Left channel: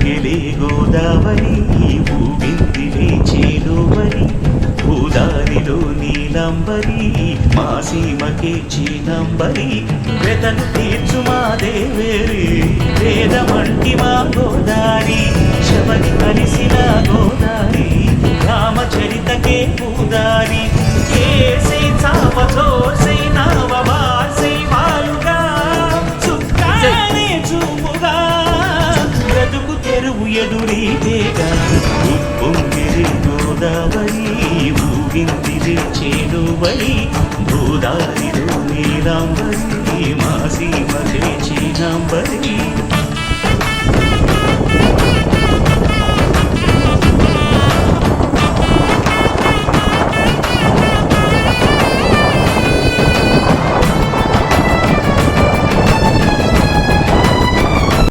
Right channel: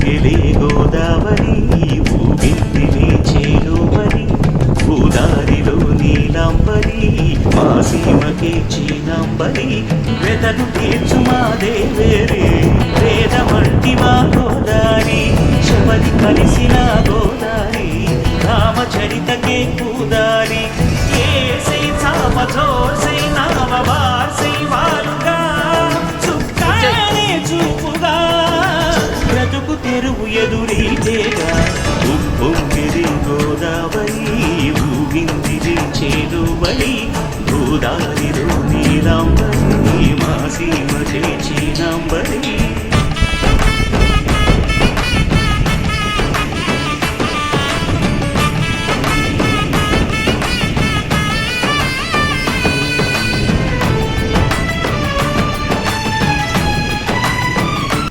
ఊగిలే గోదావరి ఊగిందిలే చేలువరి భూదారిలో నీలంబరి మా సీమకే చీనంబరి. వెతను తీర్చు మా దేవేరి వేదమంటి మా గోదారి. శబరి కలిసిన గోదారి రామచరితకే పూదారి. ఏసై చాప చోర్సై నావ బార్సై వాలుగా చుక్కానే చూపుగా. బ్రతుకు తెరువు ఎదురీతేగా ఉప్పొంగిరి గోదావరి ఊగిందిరి చేలువరి భూదారిలో నీలాంబరి మా సీమ చేచినాంబరి